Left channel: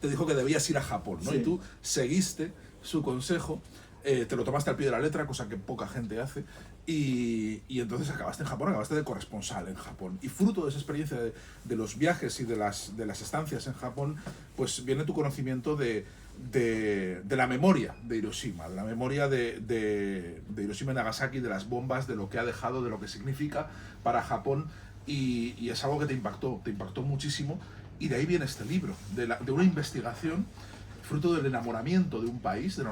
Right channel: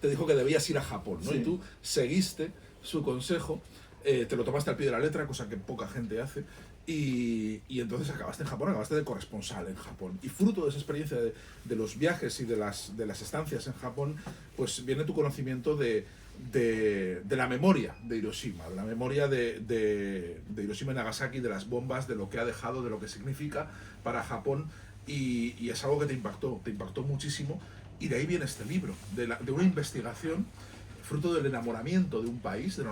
te dijo que debías ir a Japón, ¿no? Sí. Y tú seguiste su consejo, te lo tomaste al pie de la letra, cosa que poca gente hace, y entonces acabaste en Japón, acabaste de corresponsal en Japón. Y fruto de esa experiencia de los viajes y de las estancias en Japón, pues viene tu conocimiento de la memoria de Hiroshima, de la memoria de Hiroshima y Nagasaki, de las bombas, de lo que ha dejado, de lo que significa para Japón, y es algo que te impactó muchísimo, y de ahí viene este libro, de una investigación fruto del enamoramiento de un país, del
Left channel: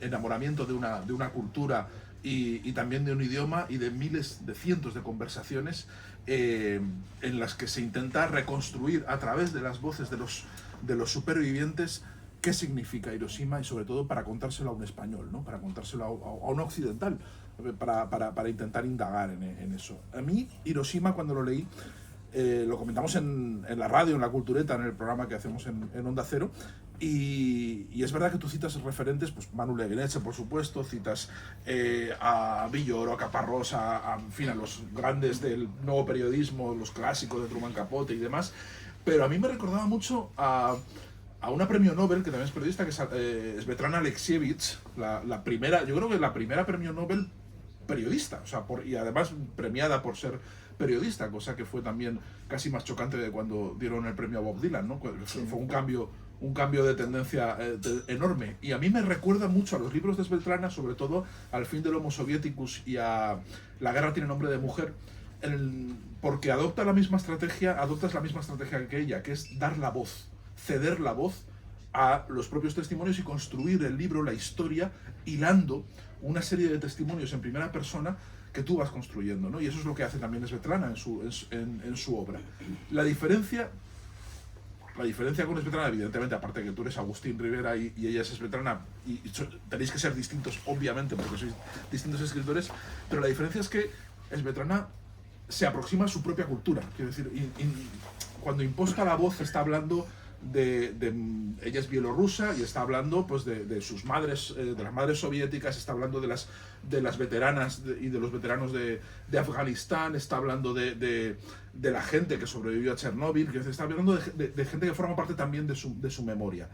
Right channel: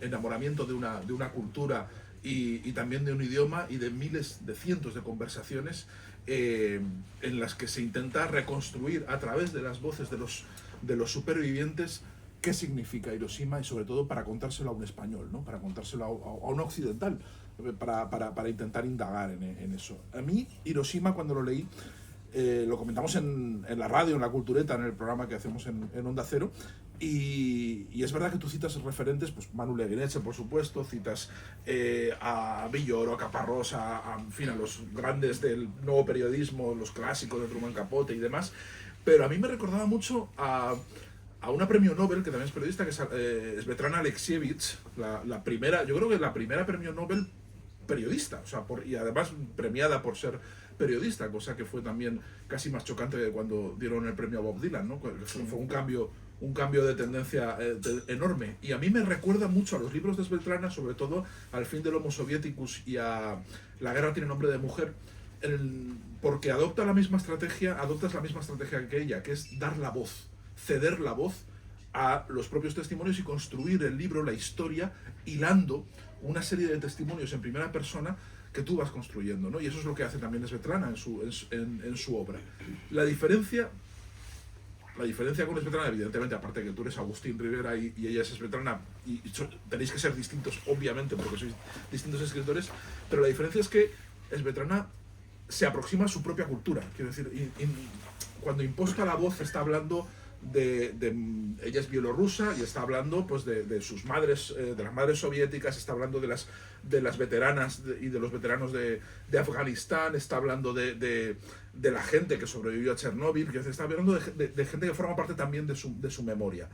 enamoramiento de una cultura y también de un idioma, y de cientos de conversaciones en las que se intenta reconstruir a través de las voces de los supervivientes qué significa Hiroshima, y sobre todo para contárselo a un español, ¿no? Para contárselo a un occidental, para intentar indagar en eso. A mí, Hiroshima, cuando lo leí, lo comentamos en la radio, en La Cultureta, en el programa que hacemos en Onda Cero, y es verdad que tú citas referentes, pues Manu Leguineche, por supuesto, citas a Villoro, a Caparrós, en fin, a los grandes del nuevo periodismo, los clásicos de Truman Capote y demás, pero a mí me recordaba mucho a una premio Nobel, que también es periodista, que es Svetlana Alexievich, la primera, yo creo que la primera premio Nobel periodista, o sea, y además premiada por ser periodista, cosa que fue también casi más chocante de cuando dieron el premio a Bob Dylan, ¿no? Fue un cambio de tendencia enorme. Y a mí me recuerda mucho a los libros de Svetlana, sobre todo al fin del Homo Sovieticus y a La guerra tiene nombre de mujer, porque adoptas la misma estrategia que ella, que es dar la voz, ceder la voz a los propios testimonios y construir el libro, la historia, hilando una serie de testimonios en primera persona que tú vas construyendo, ¿no? Y eso es lo que hace también Svetlana en su obra. La diferencia con Svetlana, evidentemente, aparte de que tú eres Agustín Rivera y ella es Svetlana, y tenéis que ser distintos, obviamente, porque sois distintos escritores, pero la diferencia es que Svetlana se aproxima a su propia cultura. Quiero decir, cuando imposta la voz está hablando ella es bielorrusa y está hablando pues de sus madres, de las madres soviéticas, está hablando de las veteranas y de los veteranos de Afganistán, está hablando de la gente que sobrevivió a Chernóbil, que está hablando de gente que forma parte también de su memoria.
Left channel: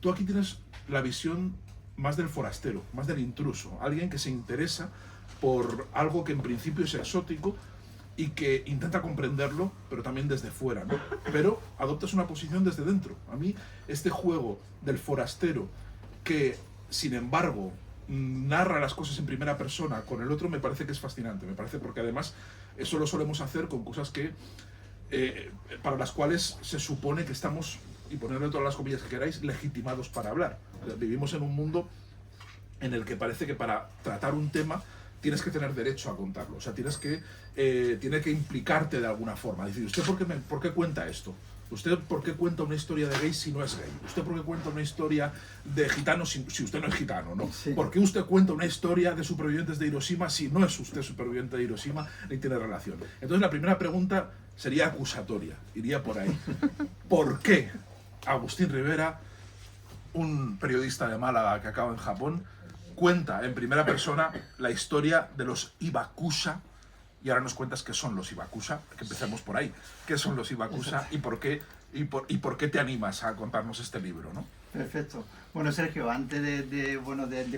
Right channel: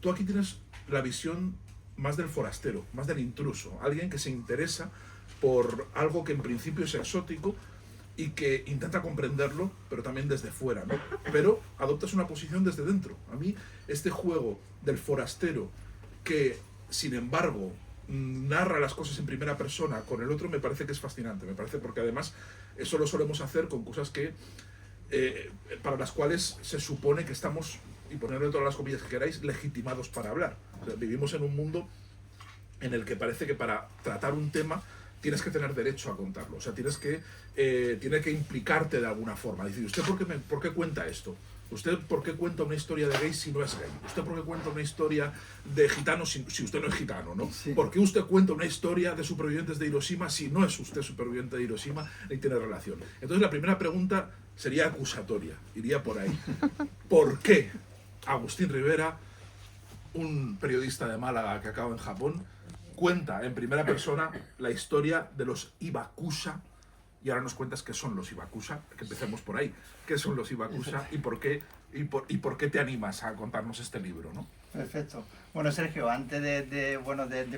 Tú aquí tienes la visión más del forastero, más del intruso, alguien que se interesa por algo que en principio es exótico y que intenta comprenderlo, pero también desde fuera, ¿no? Pero adoptas una posición desde dentro. A mí, este juego del forastero que, sin embargo, narra las cosas en primera persona con el otro, me parece que es fascinante. Me parece porque además eso lo solemos hacer con cosas que para las cuales se supone que estamos, y ponerle todas las comillas que queráis, legitimados para hablar. O sea, vivimos en un mundo en el que parece que para tratar un tema tienes que tener derecho a contarlo, o sea, tiene que implicarte de alguna forma. Decir, ¿usted por qué cuenta esto? ¿Usted por qué cuenta una historia de gay si no es gay? ¿Usted por qué cuenta una historia de gitanos si usted no es gitano, ¿no? Sí. ¿Por qué usted cuenta una historia de supervivientes de Hiroshima si no es usted superviviente de Hiroshima ni tiene relación? Entonces la primera pregunta sería acusatoria, iría por ahí. ¿Por qué Agustín Rivera, un periodista de Málaga que acaba en Japón, cuenta en primera persona la historia de los Hibakusha? Y ahora nos cuentas qué son los Hibakusha, que empecemos por ahí. ¿Qué son los Hibakusha y por qué te animas a contarnos este libro, ¿no? Perfecto. Bueno, Sergio, antes de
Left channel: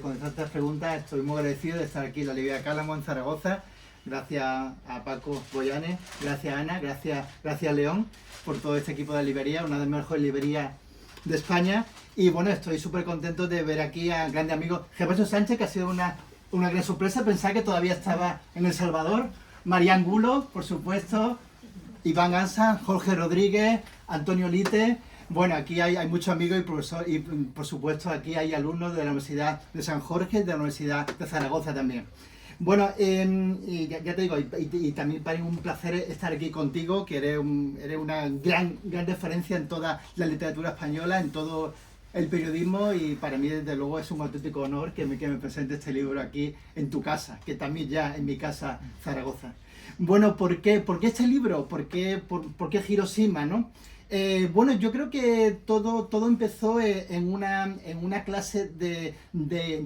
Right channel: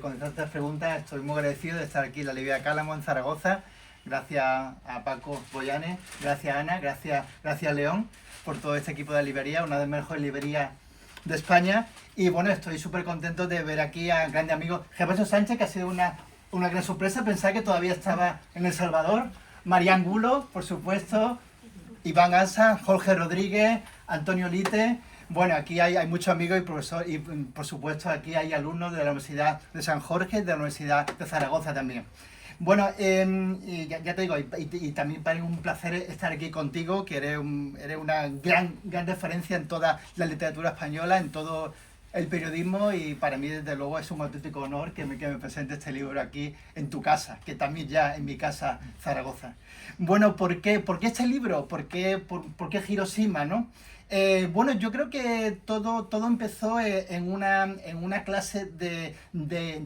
contestar estas preguntas, estoy muy agradecido de estar aquí en la librería Cálamo, en Zaragoza. Gracias a Paco Boyanes, gracias a Ana, gracias a León por todo este equipo de librería, una de las mejores librerías de España. Y bueno, estoy súper contento de ver aquí al grande amigo Gervasio Sánchez, que ha sido una gran sorpresa. Pensaba que todavía estaba en El Salvador. María Angulo, por supuesto, Iván Ansa, Jorge Rodríguez, Antonio Lite. Bueno, aquí hay muchos amigos y profesores, y por supuesto aquí hay alumnos de la Universidad de San Jorge y de la Universidad de Zaragoza también. Bueno, y ya te digo, y también para mí un placer estar aquí contigo, que eres una gran referencia en toda la literatura española, en todo el periodismo, y para mí desde luego es un auténtico honor que me presente este libro aquí en tu casa, que también ya en mi casa, Zaragoza. Bueno, ¿por qué este libro? ¿Por qué Hiroshima, no? Bueno, yo creo que todo empezó en una clase de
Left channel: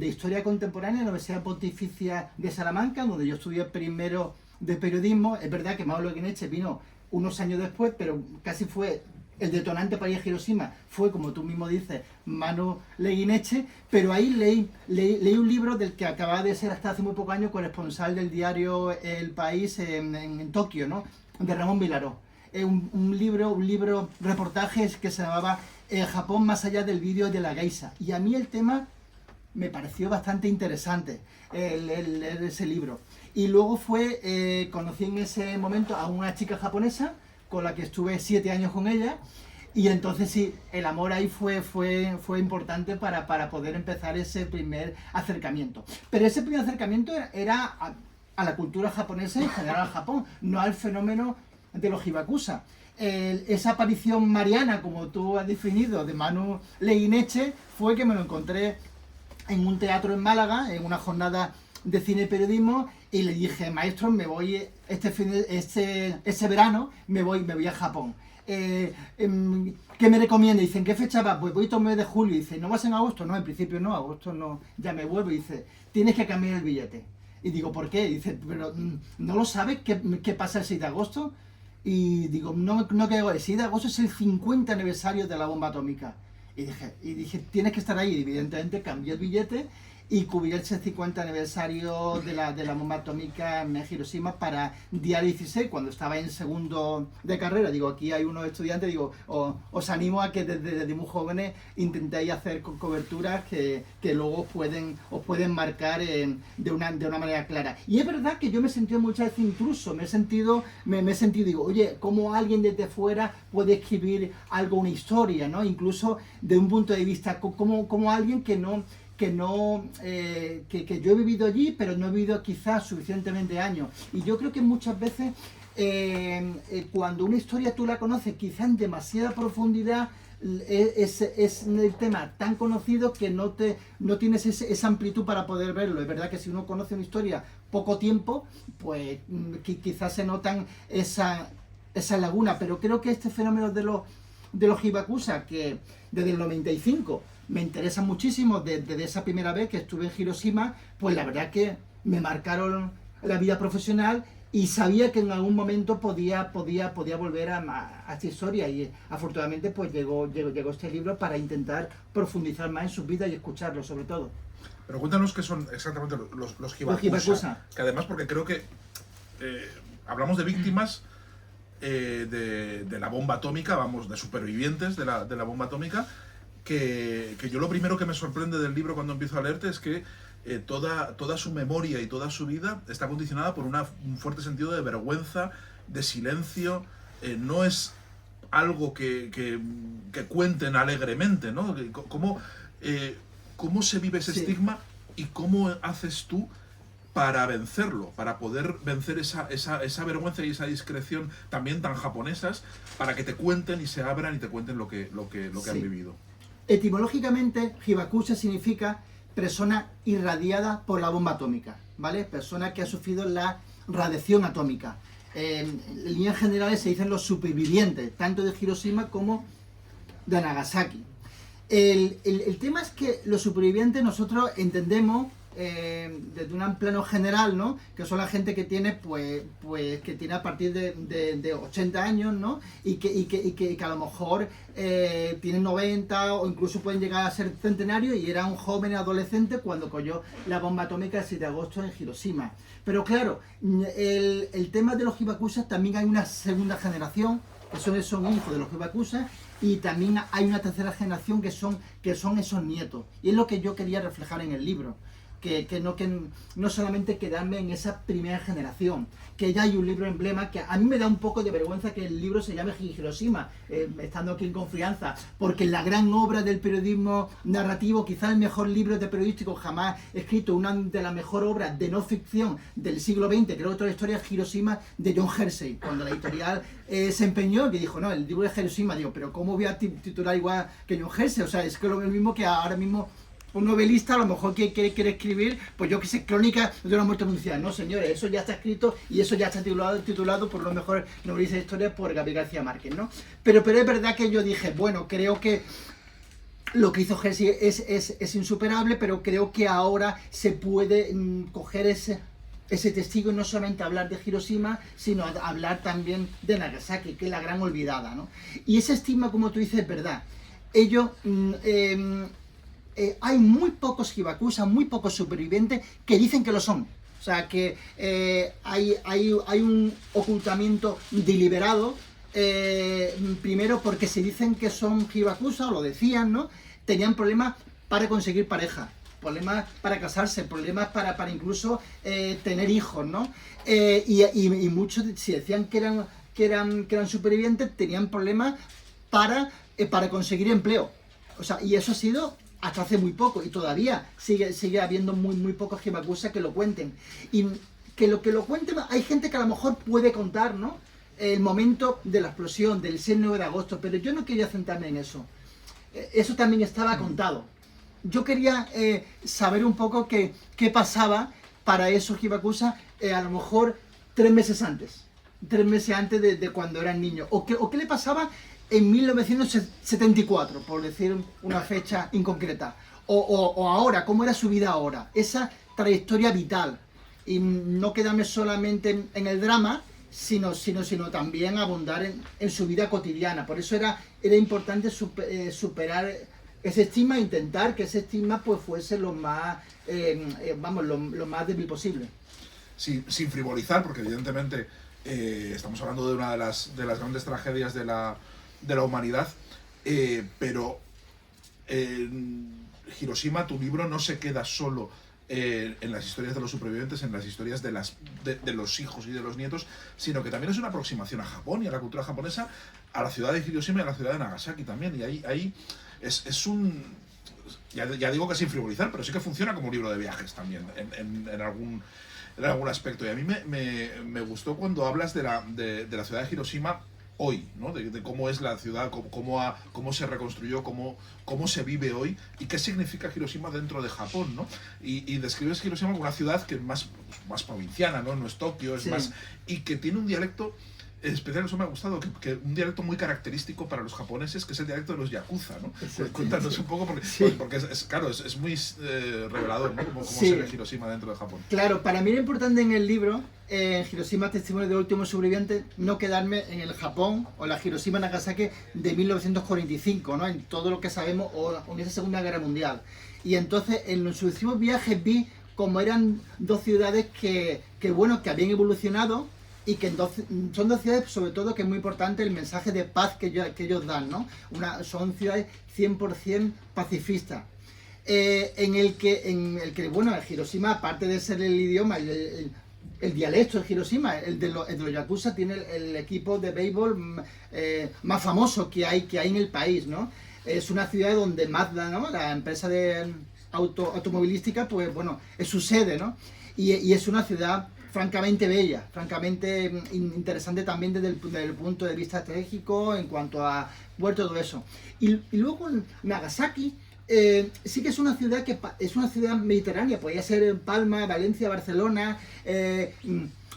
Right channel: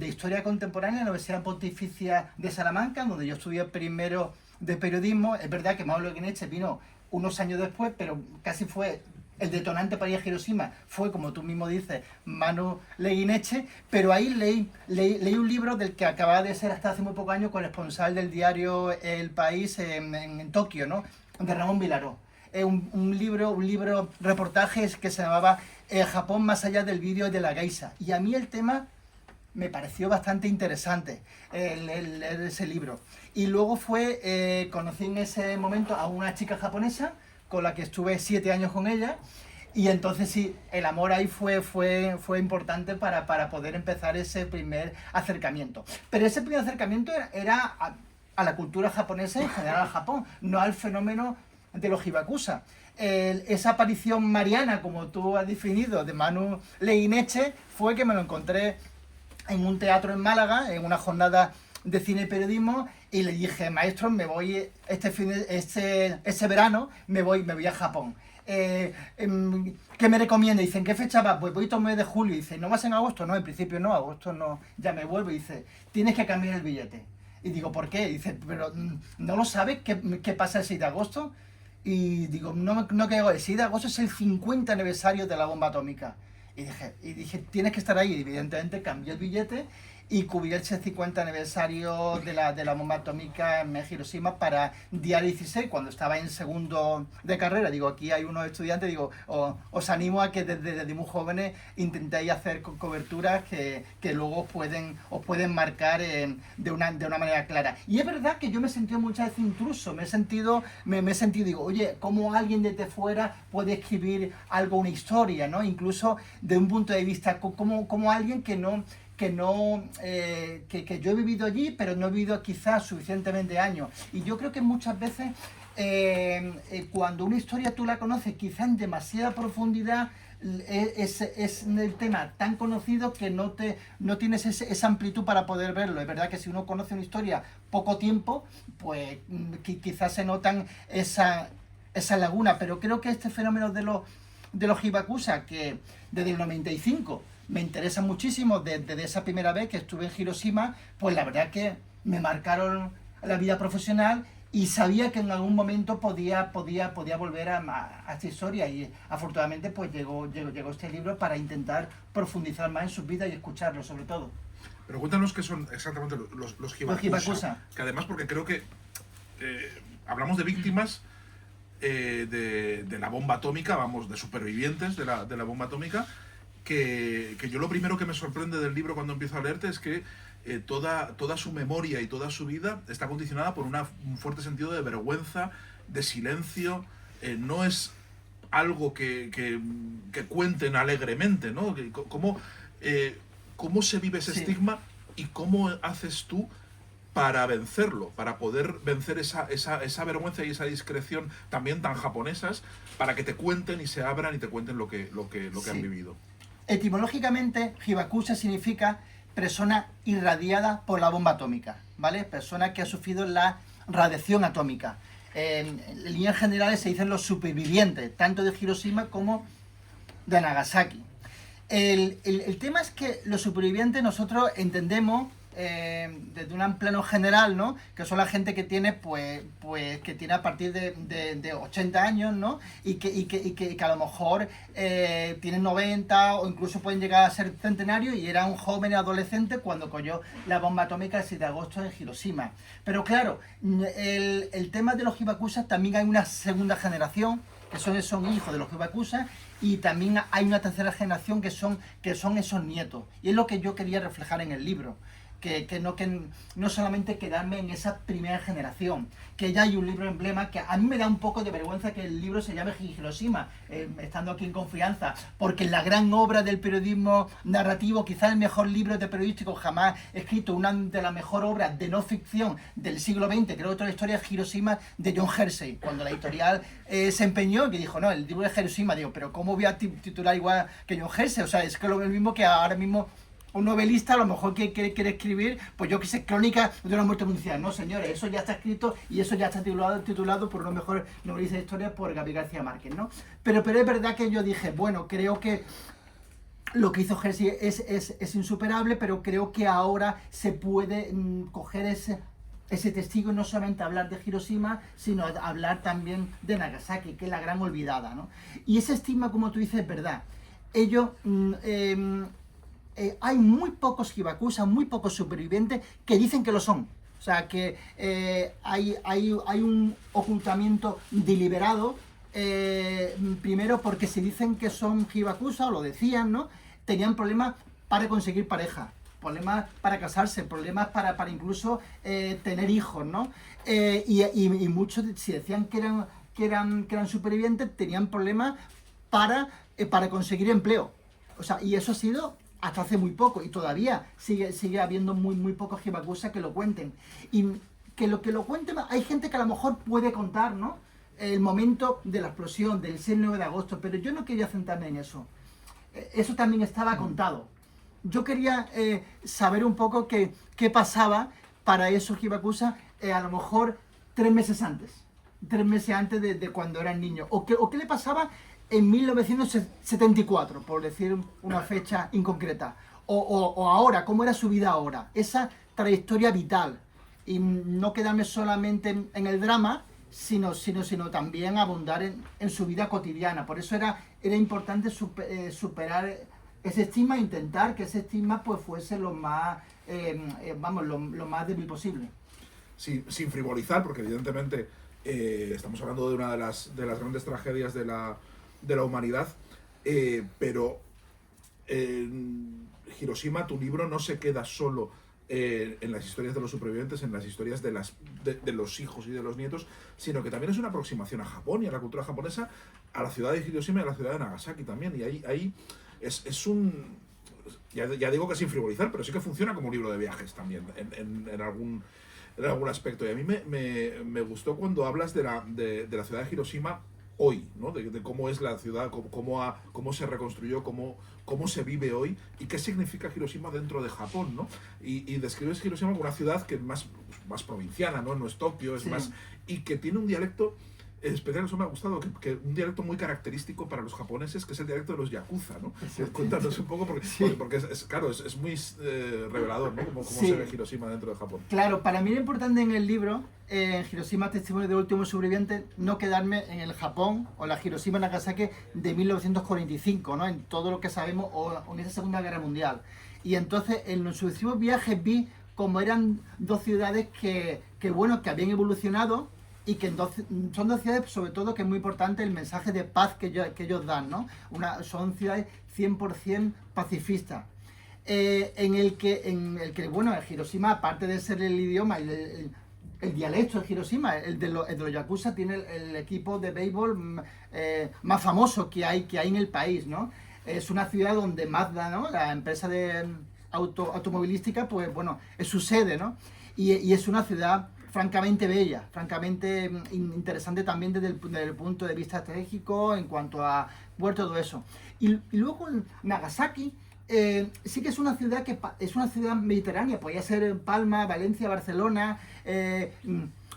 historia contemporánea en la Universidad Pontificia de Salamanca, donde yo estudié primero de periodismo. Es verdad que Manu Leguineche vino unos años después, pero casi fue el detonante para ir a Hiroshima fue, como tú mismo dices, Manu Leguineche, pero ahí leí un libro del que acababa de ser hasta hace muy pocos años corresponsal del diario El País en Tokio, ¿no? De Ramón Vilaró. Un libro reportajes que se llamaba Japón más allá del vídeo de la geisha. Y a mí el tema me pareció bastante interesante, ese libro. Y luego conocí en ese momento a una chica japonesa con la que estuve 7 años con ella, y entonces sí, el amor ahí fue importante para poder empezar ese primer acercamiento. Pero ese primer acercamiento era a la cultura japonesa y en general al Japón, no al fenómeno de los hibakusha. Esa aparición mariana, como tú has definido, de Manu Leguineche, fue que me lo encontré en un teatro en Málaga, en una jornada de cine y periodismo, y le dije, maestro, me voy este verano, me voy a Japón. ¿Qué me recomienda? Dice, ¿en qué fecha vas? Pues voy todo el mes de julio. Dice, ¿no vas en agosto? No, en principio no, agosto no, ya me vuelvo. Dice, tienes que cambiar el billete. Y digo, ¿por qué? Dice, pero ¿no lo sabes qué pasa el 6 de agosto? Y digo, no creo, el 6 de agosto es el 50 aniversario de la bomba atómica. Y dije, tienes que estar ahí. Y evidentemente cambié el billete y cubrí el 50 aniversario de la bomba atómica en Hiroshima para día 16, cuando estaba en segundo de carrera. Digo, aquí hay unos estudiantes, digo, os animo a que desde muy jóvenes intentéis hacer coberturas que luego os pueden marcar de una manera clara. Y es verdad que yo me he sentido muchas veces intruso, me he sentido, digo, oye, ¿cómo alguien desde fuera puede escribir algo, una historia, ¿no? Incluso de un punto de vista, como alguien que yo he vivido allí, pero no he vivido quizás suficientemente años. Y yo creo que muchas veces cuando una historia tú la conoces quizás en demasiada profundidad, es el tema tan conocido que no tienes esa amplitud para poder verlo. Es verdad que si uno conoce una historia poco tiempo, pues quizás se notan esa laguna, pero creo que este fenómeno de los hibakusha, que desde el 95 me interesa muchísimo, desde esa primera vez que estuve en Hiroshima, pues la verdad que me marcaron la vida profesional y sabía que en algún momento podía volver a esta historia, y afortunadamente pues llegó este libro para intentar profundizar más en sus vidas y escucharlos sobre todo. Pero cuéntanos qué son exactamente los hibakusha, que además, porque creo que hablamos de víctimas de la bomba atómica, vamos, de supervivientes de la bomba atómica, que yo lo primero que me sorprende del libro cuando empiezo a leerte es que toda su memoria y toda su vida está condicionada por un fuerte sentido de vergüenza, de silencio. No es algo que cuenten alegremente, ¿no? ¿Cómo se vive ese estigma y cómo haces tú para vencerlo, para poder vencer esa vergüenza y esa discreción también tan japonesas, para que te cuenten y se abran y te cuenten lo que han vivido? Etimológicamente, hibakusha significa persona irradiada por la bomba atómica, ¿vale? Persona que ha sufrido la radiación atómica. En líneas generales se dicen los supervivientes, tanto de Hiroshima como de Nagasaki. El tema es que los supervivientes nosotros entendemos desde un plano general, ¿no? Que son la gente que tiene, pues que tiene a partir de 80 años, ¿no? Y que a lo mejor tienen 90 o incluso pueden llegar a ser centenarios, y era un joven adolescente cuando cayó la bomba atómica el 7 de agosto en Hiroshima. Pero claro, el tema de los hibakusha, también hay una segunda generación que son hijos de los hibakusha, y también hay una tercera generación que son esos nietos. Y es lo que yo quería reflejar en el libro. Que no solamente quedarme en esa primera generación, que ya hay un libro emblema, que a mí me da un poco de vergüenza que el libro se llame Hiroshima, estando aquí en confianza, porque la gran obra del periodismo narrativo, quizás el mejor libro de periodístico jamás escrito, una de las mejores obras de no ficción del siglo XX, creo que otra historia es Hiroshima, de John Hersey, cuando la editorial se empeñó, que dijo, no, el libro de Hiroshima, digo, pero ¿cómo voy a titular igual que John Hersey? O sea, es que lo mismo que ahora mismo un novelista a lo mejor que quiere escribir, pues yo que sé, crónica de una muerte anunciada. No, señores, eso ya está escrito y eso ya está titulado por los mejores novelistas de historia, por Gabriel García Márquez, ¿no? Pero es verdad que yo dije, bueno, creo que lo que hizo Hersey es insuperable, pero creo que ahora se puede coger ese testigo y no solamente hablar de Hiroshima, sino hablar también de Nagasaki, que es la gran olvidada, ¿no? Y ese estigma, como tú dices, es verdad. Ellos, hay muy pocos hibakusha, muy pocos supervivientes que dicen que lo son. O sea, que hay un ocultamiento deliberado, primero porque se dicen que son hibakusha, o lo decían, ¿no? Tenían problemas para conseguir pareja, problemas para casarse, problemas para incluso tener hijos, ¿no? Y muchos, si decían que eran supervivientes, tenían problemas para conseguir empleo. O sea, y eso ha sido hasta hace muy poco, y todavía sigue habiendo muy pocos hibakusha que lo cuenten. Y que lo cuenten, hay gente que a lo mejor puede contar, ¿no? El momento de la explosión, del 6-9 de agosto, pero yo no quería centrarme en eso. Eso también estaba contado. Yo quería saber un poco qué pasaba para esos hibakusha a lo mejor 3 meses antes. 3 meses antes de cuando eran niños. O qué le pasaba en 1974, por decir una fecha inconcreta. O ahora, cómo era su vida ahora. Esa trayectoria vital. Y no quedarme solamente en el drama, sino también abundar en su vida cotidiana. Por eso era importante superar ese estigma, intentar que ese estigma pues fuese lo más, lo más débil posible. Sin frivolizar, porque evidentemente estamos hablando de una de las grandes tragedias de la humanidad, pero Hiroshima, tu libro no se queda solo en las historias de los supervivientes, en las historias de los hijos y de los nietos, sino que también es una aproximación a Japón y a la cultura japonesa, a la ciudad de Hiroshima y a la ciudad de Nagasaki también. Y ahí es un... Ya digo que sin frivolizar, pero sí que funciona como un libro de viajes también, en algún aspecto. Y a mí me gustó cuando hablas de la ciudad de Hiroshima hoy, ¿no? De cómo es la ciudad, cómo se reconstruyó, cómo se vive hoy y qué significa Hiroshima dentro de Japón, ¿no? Y describes Hiroshima como una ciudad que es más provinciana, ¿no? No es Tokio, es Sí. más... Y que tiene un dialecto especial. Eso me ha gustado, que un dialecto muy característico para los japoneses, que es el dialecto de los yakuza, ¿no? Sí, Cuéntanos un poco, porque, sí. porque claro, es muy revelador, ¿no? Cómo Sí. se ve Hiroshima dentro de Japón. Claro, para mí lo importante en el libro, Hiroshima, Testimonio de último sobreviviente, no quedarme en el Japón o la Hiroshima Nagasaki de 1945, ¿no? En todo lo que sabemos, o en esa Segunda Guerra Mundial. Y entonces en los sucesivos viajes vi cómo eran dos ciudades que habían evolucionado, y que son dos ciudades, sobre todo, que es muy importante el mensaje de paz que ellos dan, ¿no? Son ciudades 100% pacifistas. En el que, bueno, Hiroshima, aparte de ser el idioma, el dialecto de Hiroshima, el de los yakuza, tiene el equipo de béisbol más famoso que hay en el país, ¿no? Es una ciudad donde Mazda, ¿no? La empresa de automovilística, pues bueno, es su sede, ¿no? Y es una ciudad francamente bella, francamente interesante también desde el punto de vista estratégico, en cuanto a puerto, todo eso. Y luego Nagasaki, sí que es una ciudad es una ciudad mediterránea, podría ser Palma, Valencia, Barcelona.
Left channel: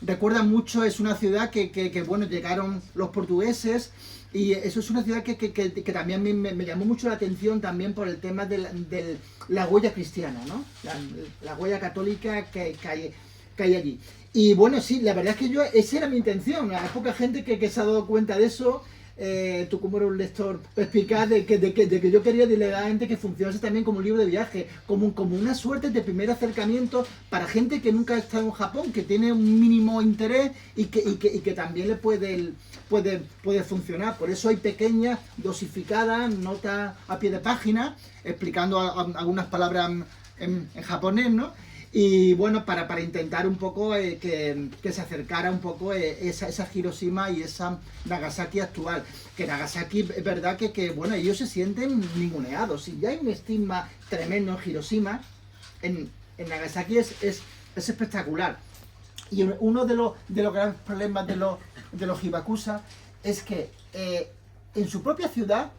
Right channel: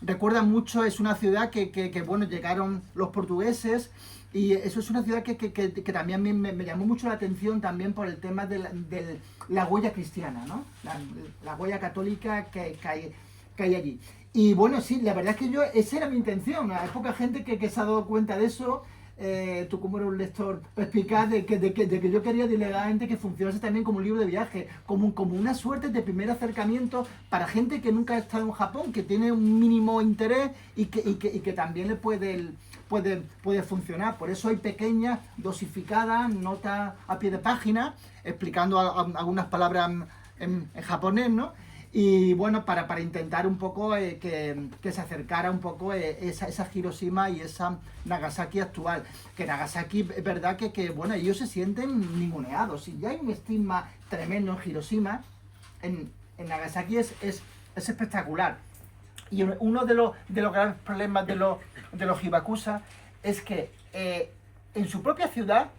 Recuerda mucho, es una ciudad que bueno, llegaron los portugueses, y eso es una ciudad que también me llamó mucho la atención, también por el tema de la huella cristiana, ¿no? La huella católica que hay allí. Y bueno, sí, la verdad es que esa era mi intención. Hay poca gente que se ha dado cuenta de eso. Tú, como eres un lector perspicaz, de que yo quería delegadamente que funcionase también como un libro de viaje, como una suerte de primer acercamiento para gente que nunca ha estado en Japón, que tiene un mínimo interés y que también le puede funcionar. Por eso hay pequeñas, dosificadas, notas a pie de página, explicando algunas palabras en japonés, ¿no? Y bueno, para intentar un poco que se acercara un poco esa Hiroshima y esa Nagasaki actual. Que Nagasaki, es verdad que bueno, ellos se sienten ninguneados. Si ya hay un estigma tremendo en Hiroshima, en Nagasaki es espectacular. Y uno de los grandes problemas de los hibakusha es que en su propia ciudad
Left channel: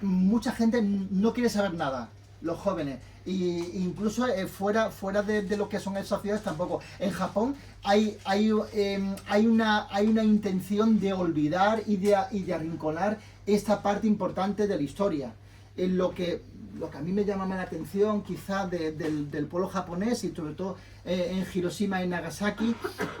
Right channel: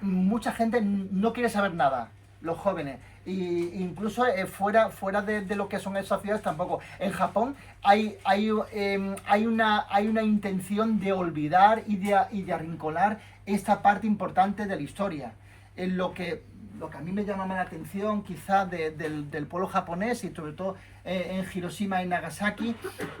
mucha gente no quiere saber nada, los jóvenes. Y incluso fuera de lo que son esas ciudades tampoco. En Japón hay una intención de olvidar y de arrinconar esta parte importante de la historia. Lo que lo que a mí me llama más la atención quizás del pueblo japonés y sobre todo en Hiroshima y Nagasaki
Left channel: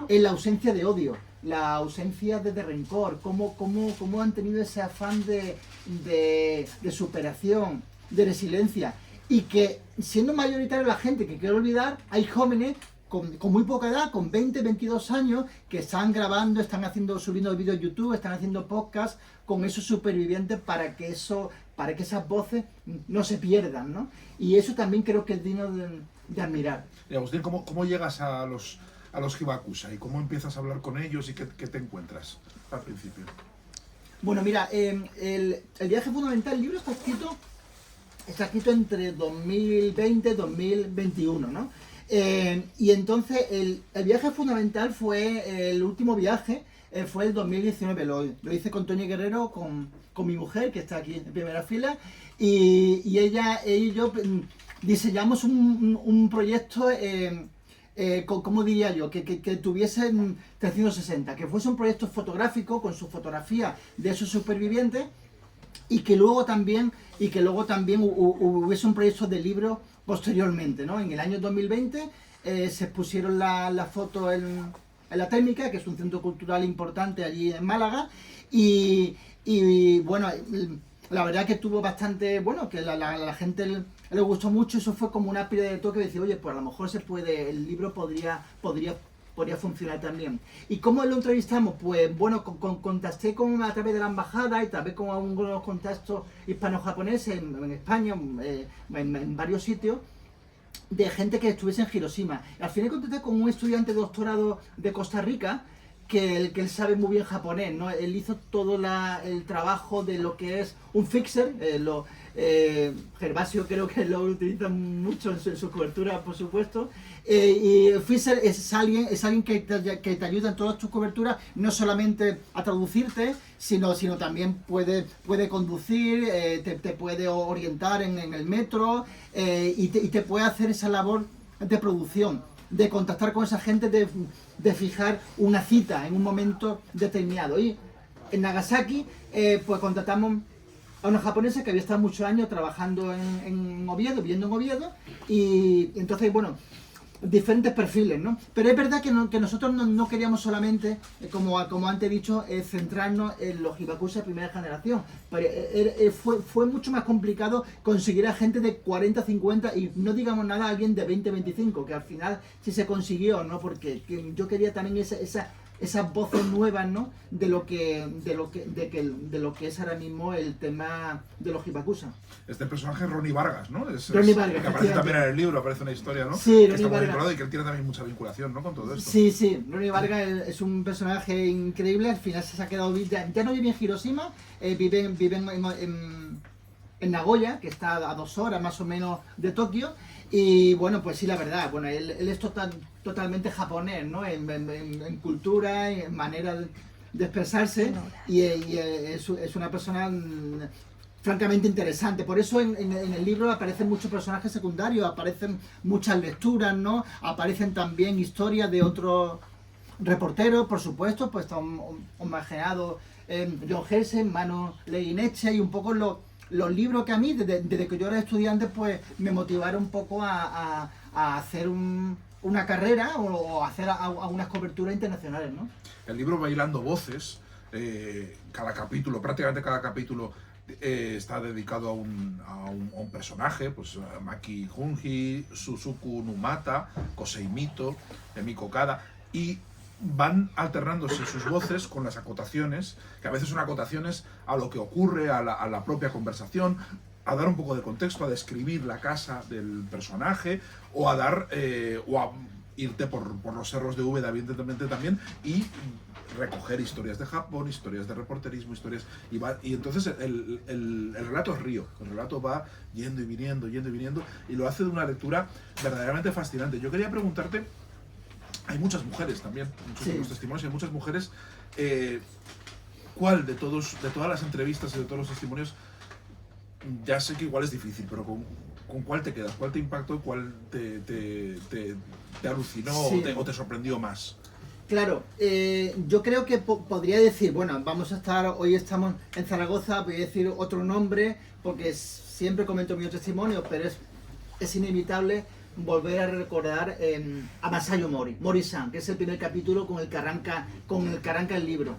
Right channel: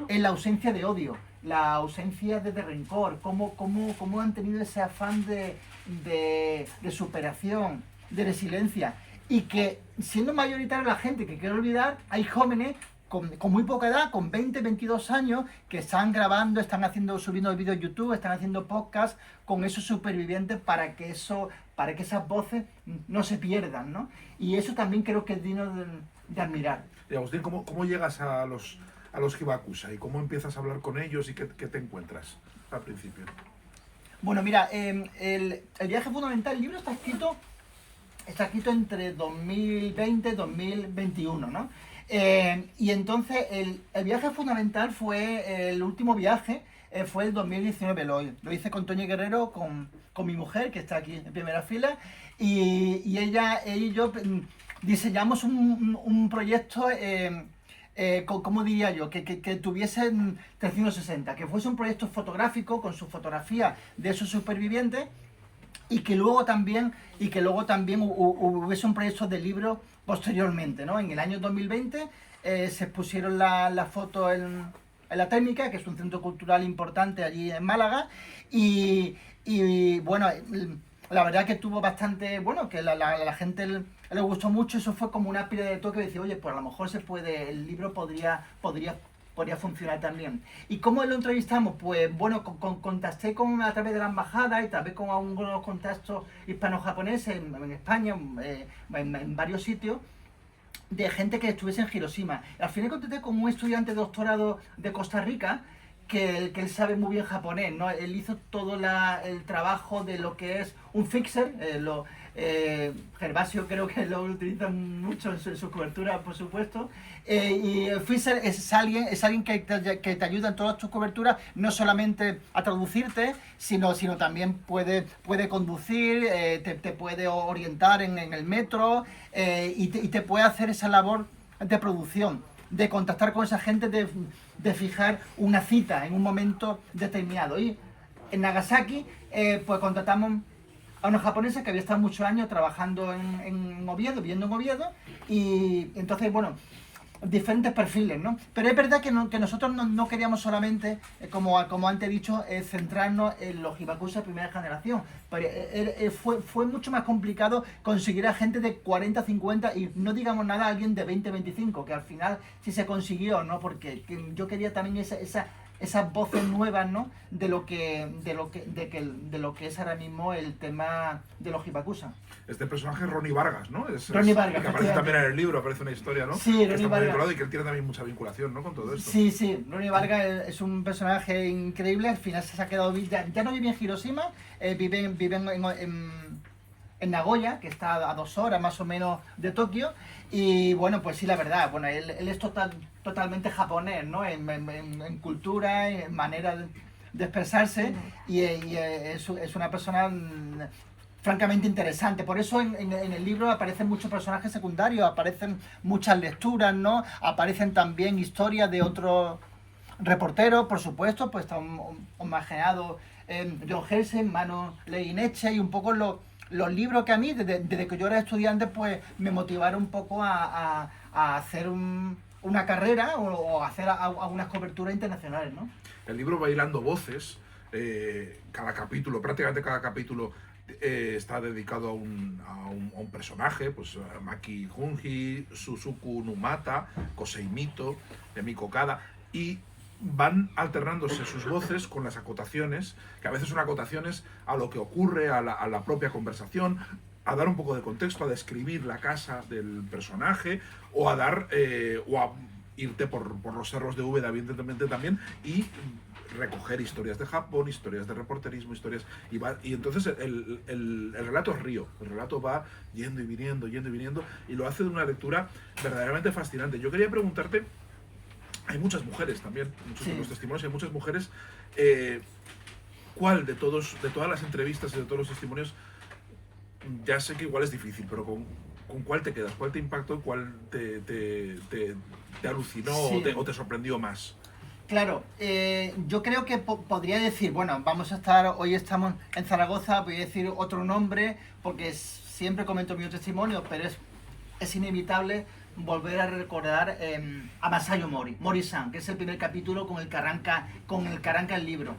es la ausencia de odio, la ausencia de rencor, cómo han tenido ese afán de superación, de resiliencia, y que siendo mayoritaria la gente que quiere olvidar, hay jóvenes con muy poca edad, con 20, 22 años, que están grabando, están subiendo vídeos a YouTube, están haciendo podcasts con esos supervivientes para que esas voces no se pierdan, ¿no? Y eso también creo que es digno de admirar. Y Agustín, ¿cómo llegas a los Hibakusa y cómo empiezas a hablar con ellos y qué te encuentras al principio? Bueno, mira, el viaje fundamental, el libro está escrito entre 2020 y 2021, ¿no? Y entonces el viaje fundamental fue el último viaje, fue el 2019, lo hice con Toñi Guerrero, con mi mujer, que está aquí en primera fila, y ella y yo diseñamos un proyecto, ¿cómo diría yo? Que tuviese 360, que fuese un proyecto fotográfico con su fotografía de esos supervivientes, y que luego también hubiese un proyecto de libro posteriormente, ¿no? En el año 2020 se pusieron la foto en la Técnica, que es un centro cultural importante allí en Málaga, y bueno, la verdad que tuvo bastante, bueno, que la gente le gustó mucho. Eso fue como una pila de toque de decir, oye, pues a lo mejor el libro podría funcionar también. ¿Y cómo lo entrevistamos? Pues bueno, contacté a través de la embajada y también con algunos contactos hispano-japoneses en España, en varios sitios, de gente que estuviese en Hiroshima. Al final contacté con un estudiante de doctorado de Costa Rica, que él sabe muy bien japonés, ¿no? Él hizo todo el trabajo de lo que es un fixer, Gervasio creo que lo utiliza mucho en su cobertura, por supuesto, y el fixer es alguien que te ayuda en todas tus coberturas, no solamente a traducirte, sino también puede conducir, te puede orientar en el metro, y te puede hacer esa labor de producción, de contactar con esa gente, de fijar una cita en un momento determinado. Y en Nagasaki, pues contactamos a unos japoneses que había estado muchos años trabajando en Oviedo, viviendo en Oviedo, y entonces, bueno, diferentes perfiles, ¿no? Pero es verdad que nosotros no queríamos solamente, como antes he dicho, centrarnos en los hibakusha de primera generación. Pero, fue mucho más complicado conseguir a gente de 40, 50 y no digamos nada a alguien de 20, 25, que al final sí se consiguió, ¿no? Porque yo quería también esas voces nuevas, ¿no? De lo que es ahora mismo el tema de los hibakusha. Este personaje es Ronnie Vargas, ¿no? Ronnie Vargas, que aparece también en el libro, aparece una historia, ¿no? Sí, que Ronnie Vargas. Y que él tiene también mucha vinculación, ¿no? Con todo esto. Sí, Ronnie Vargas es un personaje increíble. Al final se ha quedado, ya no vive en Hiroshima, vive en Nagoya, que está a 2 horas más o menos de Tokio. Y bueno, pues sí, la verdad, bueno, él es totalmente japonés, ¿no? En cultura, en manera de expresarse, y es una persona francamente interesante. Por eso en el libro aparecen muchos personajes secundarios, aparecen muchas lecturas, ¿no? Aparecen también historias de otros reporteros, por supuesto, pues está homenajeado John Helsen, Manu Leineche, y un poco los libros que a mí, desde que yo era estudiante, pues me motivaron un poco a hacer una carrera o hacer algunas coberturas internacionales, ¿no? El libro va hilando voces, prácticamente cada capítulo está dedicado a un personaje, pues Maki Junji, Suzuku Numata, Kosei Mito, Miko Kada, y van alternándose sus voces con las acotaciones, que a veces son acotaciones a lo que ocurre, a la propia conversación, a dar un poco de contexto, a describir la casa del personaje, o a irte por los cerros de Úbeda, evidentemente también, y recoger historias de Japón, historias de reporterismo, y entonces el relato es río, el relato va yendo y viniendo, y lo hace de una lectura verdaderamente fascinante. Yo quería preguntarte, hay muchas mujeres también, muchos de los testimonios, hay muchas mujeres, ¿cuál de todas las entrevistas y de todos los testimonios, ya sé que igual es difícil, pero con cuál te quedas, cuál te impactó y cuál te alucinó, o te sorprendió más? Claro, yo creo que podría decir, bueno, hoy estamos en Zaragoza, voy a decir otro nombre, porque siempre comento mi testimonio, pero es inevitable volver a recordar a Masayo Mori-san, que es el primer capítulo con el que arranca el libro.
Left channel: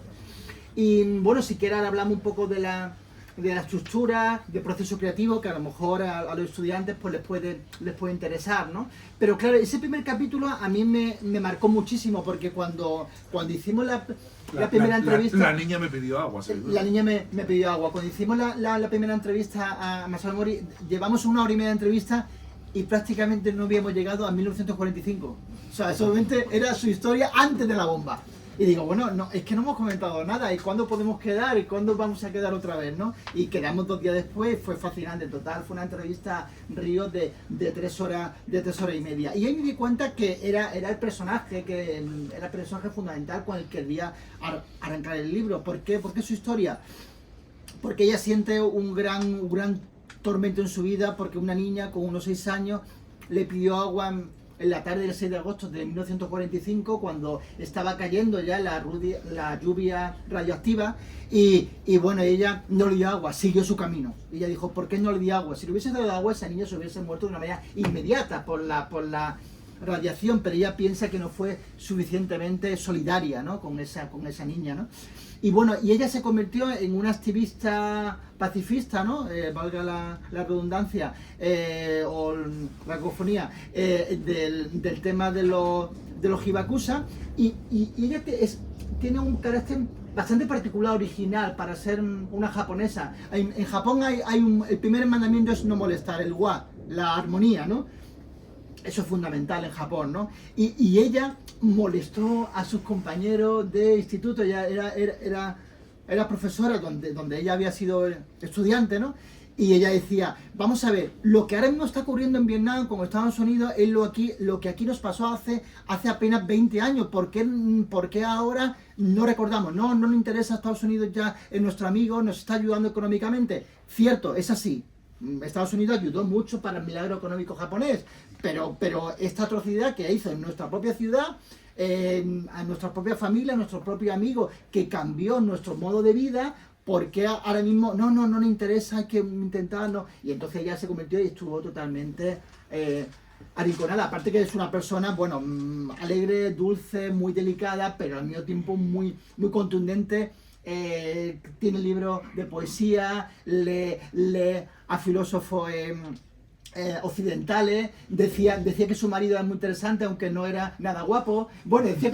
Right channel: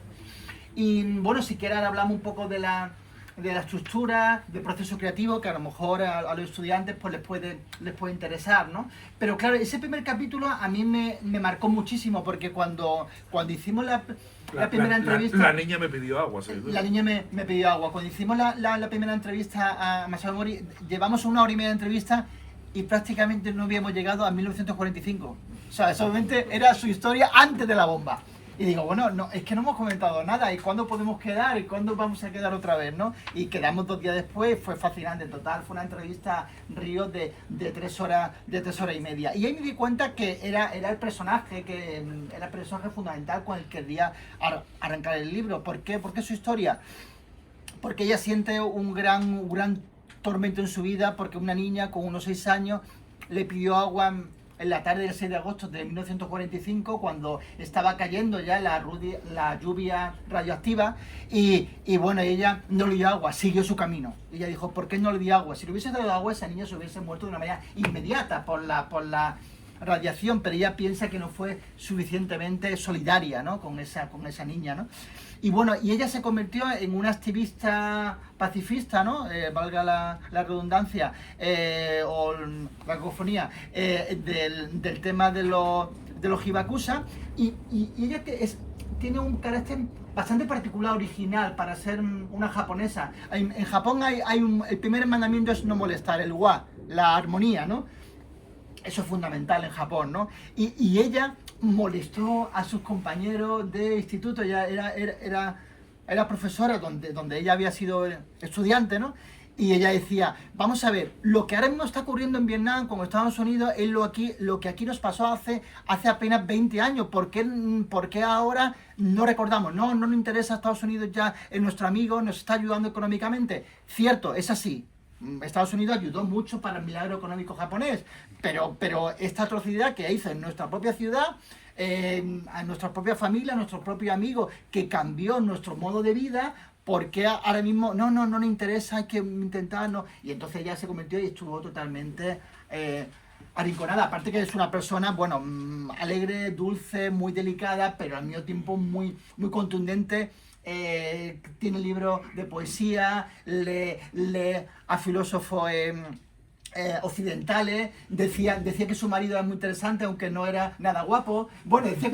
Y bueno, si quieres ahora hablamos un poco de la estructura, del proceso creativo, que a lo mejor a los estudiantes pues les puede interesar, ¿no? Pero claro, ese primer capítulo a mí me marcó muchísimo, porque cuando hicimos la primera entrevista... La niña me pidió agua, sí. La niña me pidió agua. Cuando hicimos la primera entrevista a Masayo Mori, llevamos 1 hora y media de entrevista y prácticamente no habíamos llegado a 1945. O sea, solamente era su historia antes de la bomba. Y digo, bueno, no, es que no hemos comentado nada, ¿y cuándo podemos quedar? ¿Y cuándo vamos a quedar otra vez, no? Y quedamos 2 días después, fue fascinante, en total, fue una entrevista Río de 3 horas y media. Y ahí me di cuenta que era el personaje fundamental con el que quería arrancar el libro. ¿Por qué? Porque su historia, porque ella siente un gran tormento en su vida, porque una niña con unos 6 años le pidió agua en la tarde del 6 de agosto de 1945, cuando estaba cayendo ya la lluvia radioactiva, y bueno, ella no le dio agua, siguió su camino. Y ella dijo, ¿por qué no le dio agua? Si le hubiese dado agua, esa niña se hubiese muerto de una manera inmediata por la radiación, pero ella piensa que no fue suficientemente solidaria, ¿no? con esa niña, ¿no? Y bueno, y ella se convirtió en una activista pacifista, ¿no? Valga la redundancia, o la cacofonía, del tema de los hibakusha, y ella tiene un carácter bastante particular, original, para ser una japonesa. En Japón el primer mandamiento es no molestar, el wa, la armonía, ¿no? Eso es fundamental en Japón, ¿no? Y ella molestó a sus compañeros de instituto, ella era profesora donde ella había sido estudiante, ¿no? Y ella decía, vamos a ver, lo que ahora mismo está ocurriendo en Vietnam con Estados Unidos es lo que aquí nos pasó hace apenas 20 años. ¿Por qué ahora no recordamos? No nos interesa Estados Unidos, ya es nuestro amigo, nos está ayudando económicamente. Cierto, es así. Estados Unidos ayudó mucho para el milagro económico japonés, pero esta atrocidad que hizo en nuestra propia ciudad, a nuestra propia familia, a nuestros propios amigos, que cambió nuestro modo de vida, porque ahora mismo no le interesa, hay que intentarlo. Y entonces ella se convirtió y estuvo totalmente arrinconada. Aparte que es una persona, bueno, alegre, dulce, muy delicada, pero al mismo tiempo muy contundente. Tiene libros de poesía, lee a filósofos occidentales, decía que su marido era muy interesante, aunque no era nada guapo. Bueno, decía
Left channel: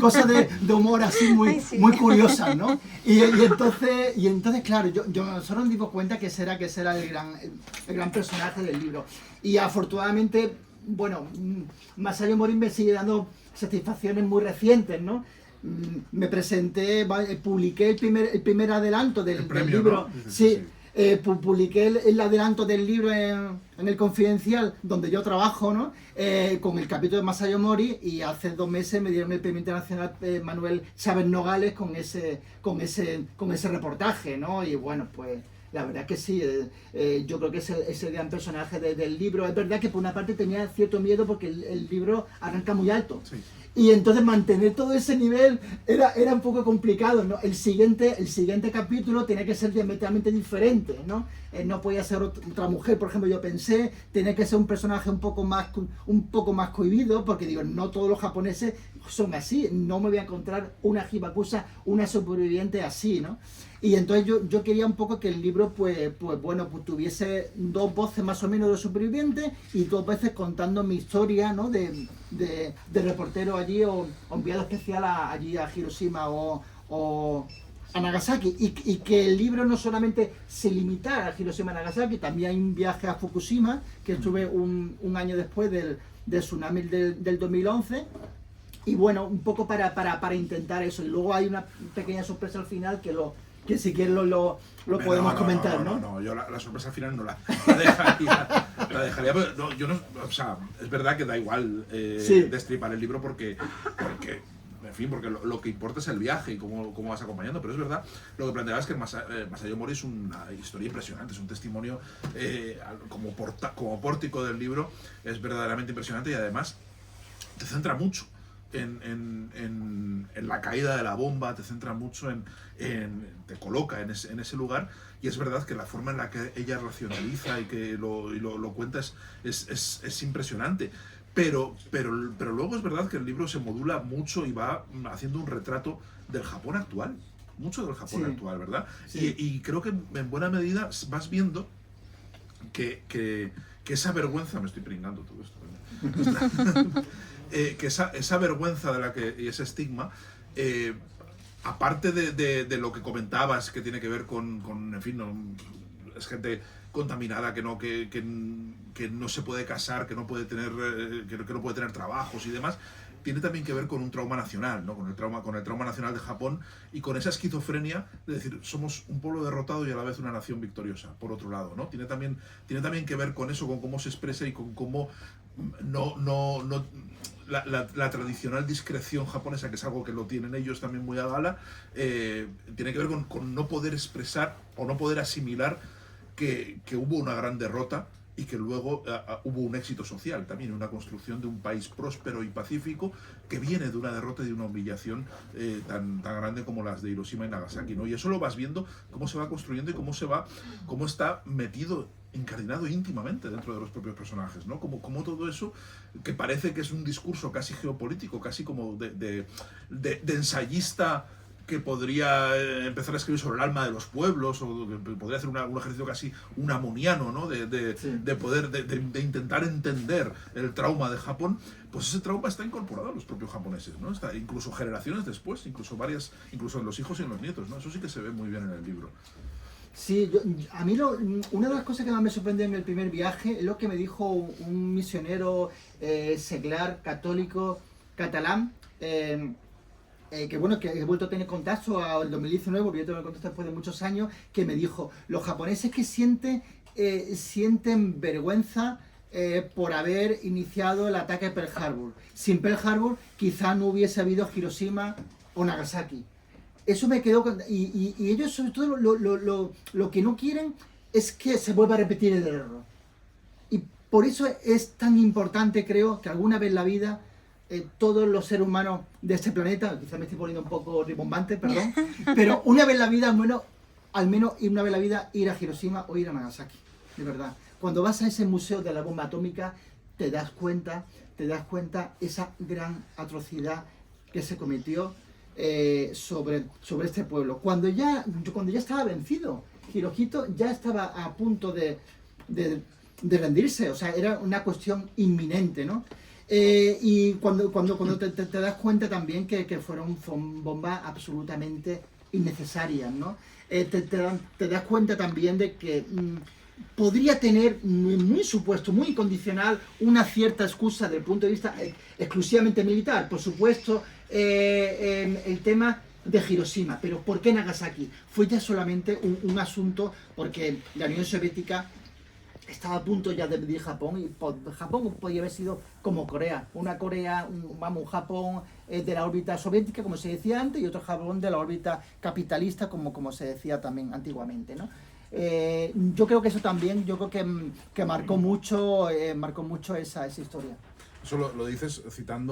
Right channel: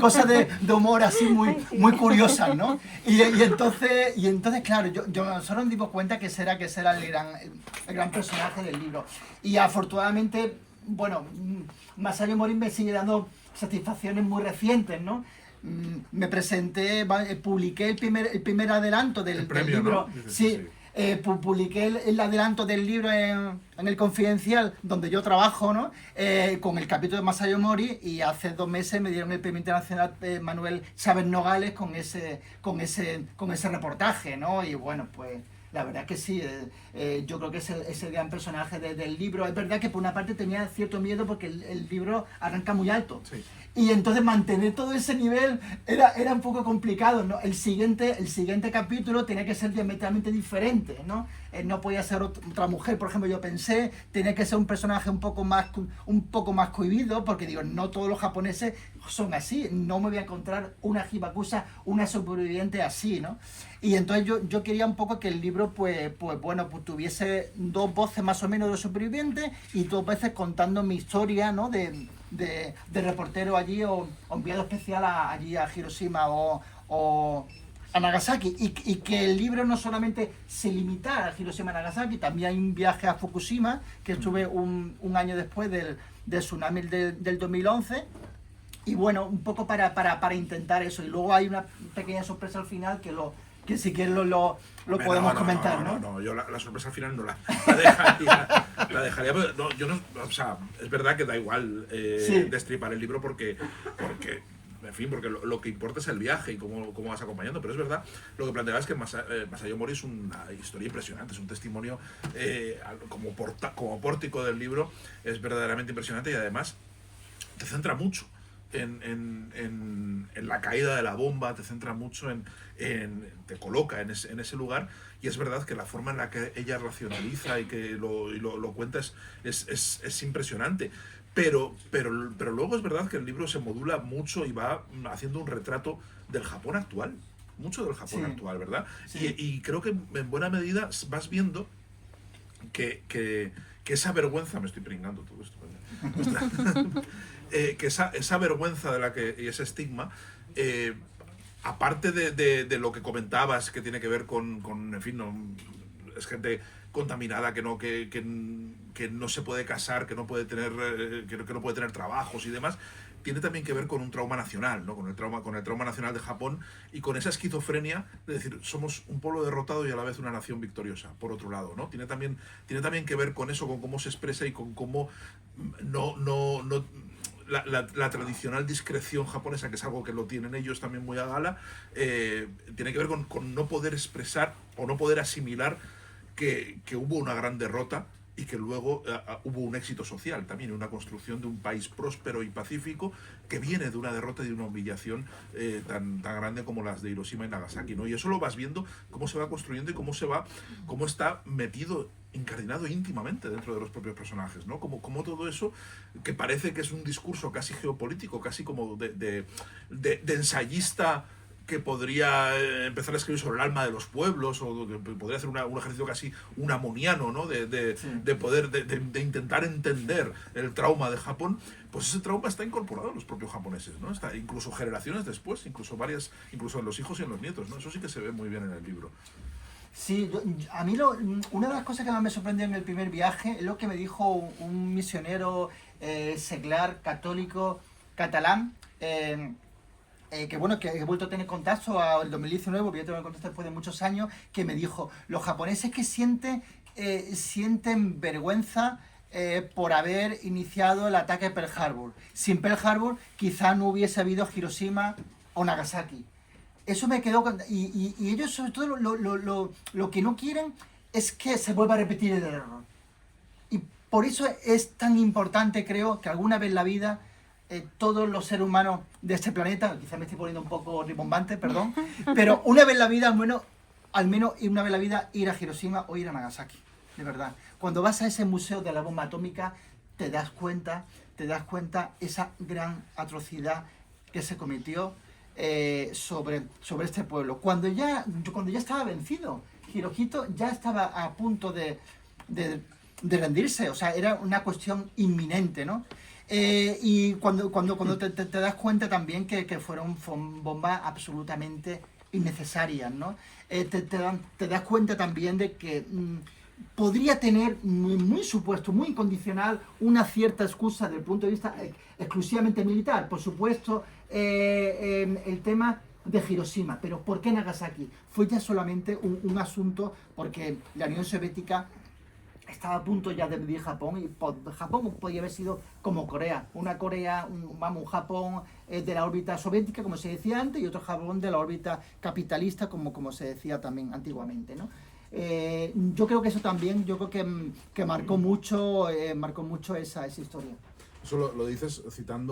cosas de humor así muy curiosas, ¿no? Y entonces, claro, nosotros nos dimos cuenta que ese era el gran personaje del libro. Y afortunadamente, bueno, Masayo Mori me sigue dando satisfacciones muy recientes, ¿no? Me presenté, publiqué el primer adelanto del libro, ¿no? Sí. Publiqué el adelanto del libro en el Confidencial, donde yo trabajo, ¿no? Con el capítulo de Masayo Mori, y hace 2 meses me dieron el premio internacional Manuel Chávez Nogales con ese reportaje, ¿no? Y bueno, pues la verdad que sí, yo creo que es el gran personaje del libro. Es verdad que por una parte tenía cierto miedo porque el libro arranca muy alto. Sí. Y entonces mantener todo ese nivel era un poco complicado, ¿no? El siguiente capítulo tenía que ser diametralmente diferente, ¿no? No podía ser otra mujer, por ejemplo, yo pensé, tenía que ser un personaje un poco más cohibido, porque digo, no todos los japoneses son así, no me voy a encontrar una hibakusha, una superviviente así, ¿no? Y entonces yo quería un poco que el libro, pues tuviese 2 voces más o menos de supervivientes y 2 veces contando mi historia, ¿no? De reportero allí o enviado especial allí a Hiroshima o a Nagasaki, y que el libro no solamente se limitara a Hiroshima y Nagasaki, también hay un viaje a Fukushima, que estuve un año después del tsunami del 2011, y bueno, un poco para intentar eso. Y luego hay una pequeña sorpresa al final que si quieres lo podemos comentar, ¿no? No, yo la sorpresa al final no la dejaría, pero no, yo no, o sea, es verdad que da igual sí, destripar el libro porque en fin, porque lo que importa es el viaje y cómo vas acompañando, pero es verdad, lo que planteaba es que Masayo Mori es una historia impresionante, es un testimonio como pórtico del libro, es verdaderamente impresionante, y además te centra mucho. en la caída de la bomba, te centra mucho te coloca en ese lugar, y es verdad que la forma en la que ella racionaliza y que lo cuenta es impresionante. Pero luego es verdad que el libro se modula mucho y va haciendo un retrato del Japón actual, mucho del Japón actual, ¿verdad? Sí. Y creo que en buena medida vas viendo que esa vergüenza, me estoy pringando todo esto, que esa vergüenza y ese estigma, aparte de lo que comentabas, que tiene que ver en fin, no, es gente contaminada, que no se puede casar, que no puede tener que no puede tener trabajos y demás, tiene también que ver con un trauma nacional, ¿no? Con el trauma nacional de Japón, y con esa esquizofrenia de decir, somos un pueblo derrotado y a la vez una nación victoriosa, por otro lado, ¿no? Tiene también que ver con eso, con cómo se expresa y con cómo la tradicional discreción japonesa, que es algo que lo tienen ellos también muy a gala, tiene que ver con no poder expresar o no poder asimilar que hubo una gran derrota y que luego hubo un éxito social también, una construcción de un país próspero y pacífico que viene de una derrota y de una humillación tan grande como las de Hiroshima y Nagasaki, ¿no? Y eso lo vas viendo, cómo se va construyendo y cómo está metido, incardinado íntimamente dentro de los propios personajes, ¿no? Como todo eso, que parece que es un discurso casi geopolítico, casi como de ensayista que podría empezar a escribir sobre el alma de los pueblos, o que podría hacer un ejercicio casi unamoniano, ¿no? de intentar entender el trauma de Japón. Pues ese trauma está incorporado a los propios japoneses, ¿no? Está incluso generaciones después, incluso en los hijos y en los nietos, ¿no? Eso sí que se ve muy bien en el libro. Sí, a mí una de las cosas que más me sorprendió en el primer viaje es lo que me dijo un misionero seglar, católico, catalán, que bueno, que he vuelto a tener contacto al 2019, porque yo tengo contacto después de muchos años, que me dijo, los japoneses que sienten vergüenza por haber iniciado el ataque a Pearl Harbor. Sin Pearl Harbor quizá no hubiese habido Hiroshima o Nagasaki. Eso me quedó... Y ellos sobre todo lo que no quieren es que se vuelva a repetir el error. Y por eso es tan importante, creo, que alguna vez en la vida todos los seres humanos de este planeta, quizás me estoy poniendo un poco ribombante, perdón, pero una vez en la vida, al menos una vez en la vida, ir a Hiroshima o ir a Nagasaki, de verdad. Cuando vas a ese museo de la bomba atómica, te das cuenta esa gran atrocidad que se cometió sobre este pueblo. Cuando ya estaba vencido, Hirohito ya estaba a punto de rendirse, o sea, era una cuestión inminente, ¿no? Y cuando te das cuenta también que fueron bombas absolutamente innecesarias, ¿no? Te das cuenta también de que podría tener muy supuesto, muy incondicional, una cierta excusa desde el punto de vista exclusivamente militar. Por supuesto, el tema de Hiroshima, pero ¿por qué Nagasaki? Fue ya solamente un asunto porque la Unión Soviética estaba a punto ya de dividir Japón, y Japón podía haber sido como Corea, un Japón de la órbita soviética, como se decía antes, y otro Japón de la órbita capitalista, como se decía también antiguamente, ¿no? Yo creo que eso también, que marcó mucho esa historia. Eso lo dices citando